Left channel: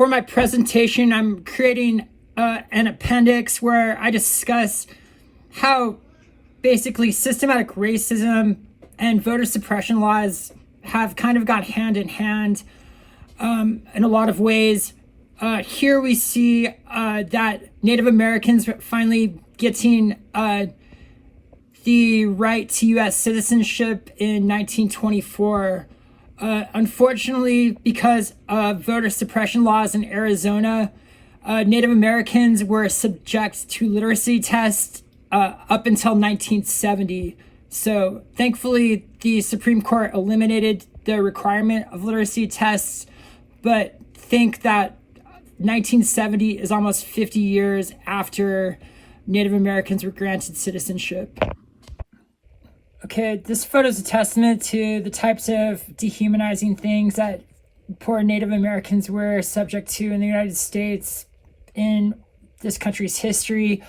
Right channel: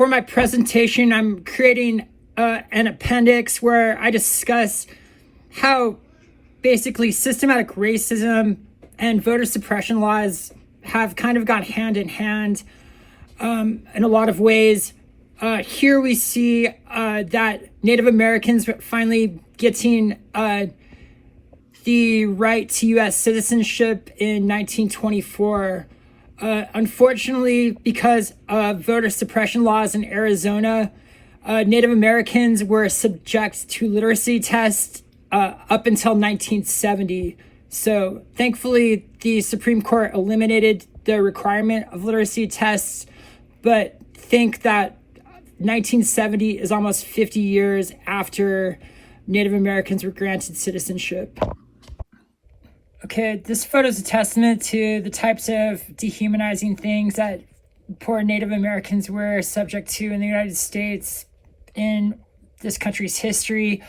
For my presentation, I'm creating an appendix where I discuss how basically systematic racism and voter suppression laws have kind of gone hand in hand in a lot of ways. Here we see that Native Americans finally getting the right to U.S. citizenship in 1924. Unfortunately, because of voter suppression laws in Arizona, Native Americans were subject to literacy tests up until 1970. So thankfully, the Supreme Court eliminated the requirement of literacy tests, but think that 1970 is almost 50 years after Native Americans were granted citizenship. Okay, this photo is a testament to the types of dehumanizing things that poor Native Americans were subject to in the United States in this country's history.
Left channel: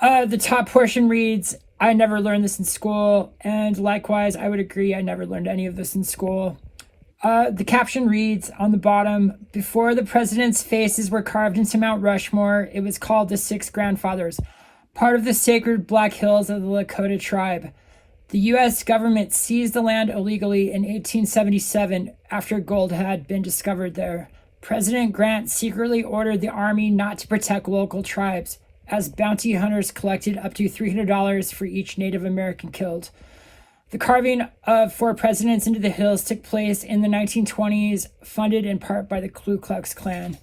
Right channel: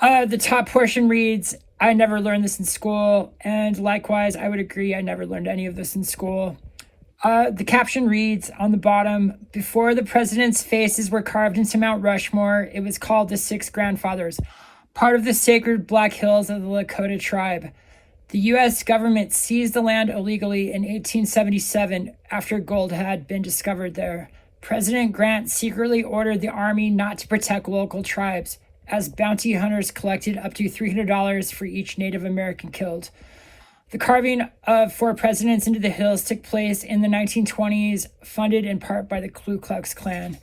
The top portion reads, "I never learned this in school," and likewise, I would agree, I never learned any of this in school. The caption reads on the bottom, "Before the president's faces were carved into Mount Rushmore, it was called the Six Grandfathers, part of the sacred Black Hills of the Lakota tribe. The U.S. government seized the land illegally in 1877 after gold had been discovered there. President Grant secretly ordered the Army not to protect local tribes, as bounty hunters collected up to $300 for each Native American killed. The carving of 4 presidents into the hills took place in the 1920s, funded in part by the Ku Klux Klan."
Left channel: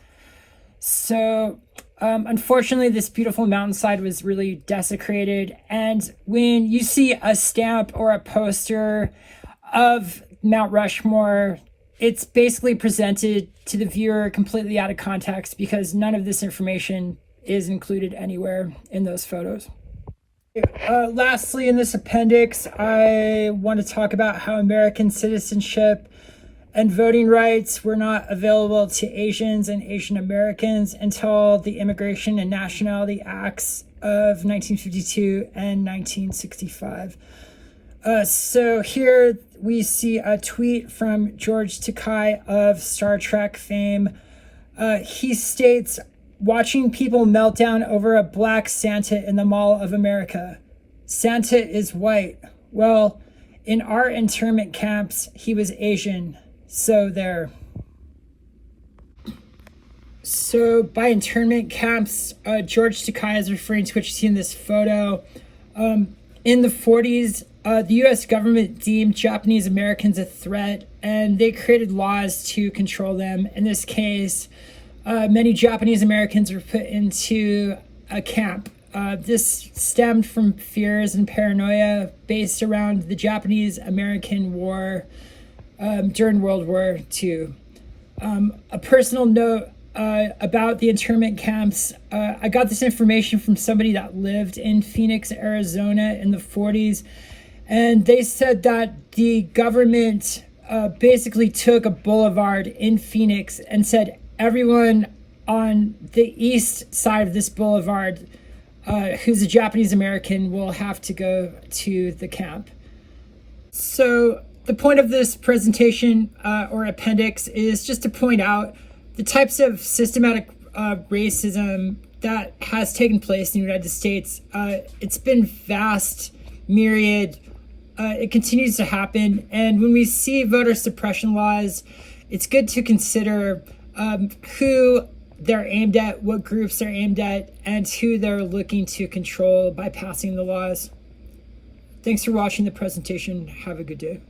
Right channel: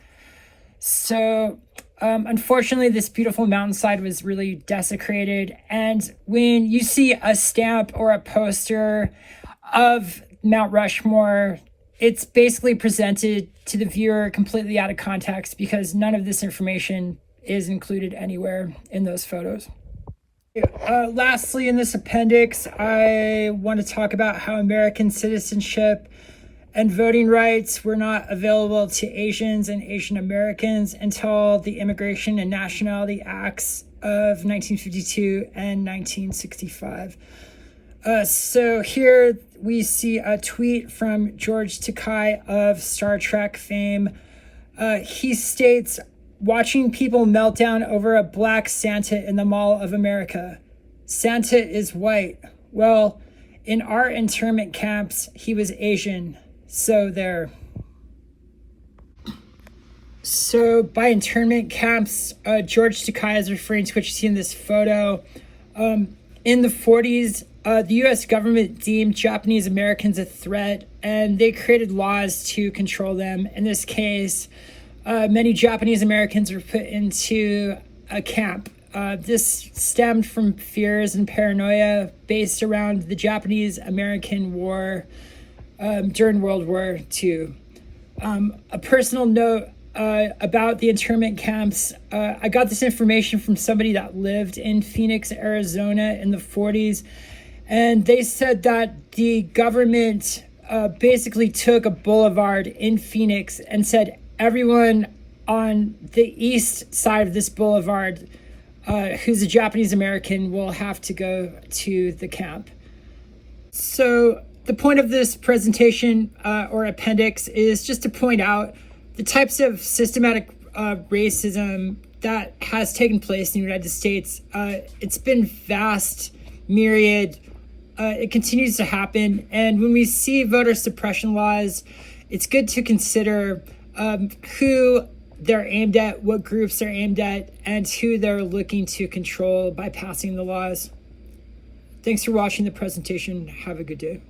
So, unfortunately, this beautiful mountainside was really desecrated. And when you see a stamp or a poster of Mount Rushmore, it's basically presented to the viewer completely out of context because none of this information is included anywhere in those photos. Lastly, in this appendix, I want to talk about how American citizenship and voting rights were not available to Asians and Asian Americans until the Immigration and Nationality Acts of 1952 and 1965. So here we see a tweet from George Takei of Star Trek fame. He states, "Watching people melt down over a black Santa in the Mall of America. Santa is white. Well, in our internment camps, he was Asian. So there." So by internment camps, George Takei is referring to what you see in this photo. In the 40s, the U.S. government deemed Japanese Americans a threat, and they created laws to control them. In this case, many Japanese Americans were put into a camp. This stemmed from fears and paranoia based around the Japanese-American War during World War II. A personal note about the internment camps, I got this information from somebody that lived in Phoenix, Arizona in the 40s, and they said that the government basically took a boulevard in Phoenix and said, everyone on the east side of this boulevard who's a Japanese American will have to go to the camp. So the point of this presentation or appendix is just to point out the types of systematic racism that has taken place in the United States. It's been vast, myriad. It continues to happen. And when we see voter suppression laws, it's good to consider who they're aimed at, what groups they're aimed at, and who they're looking to control by passing the laws. Thanks for watching the presentation. Have a good day.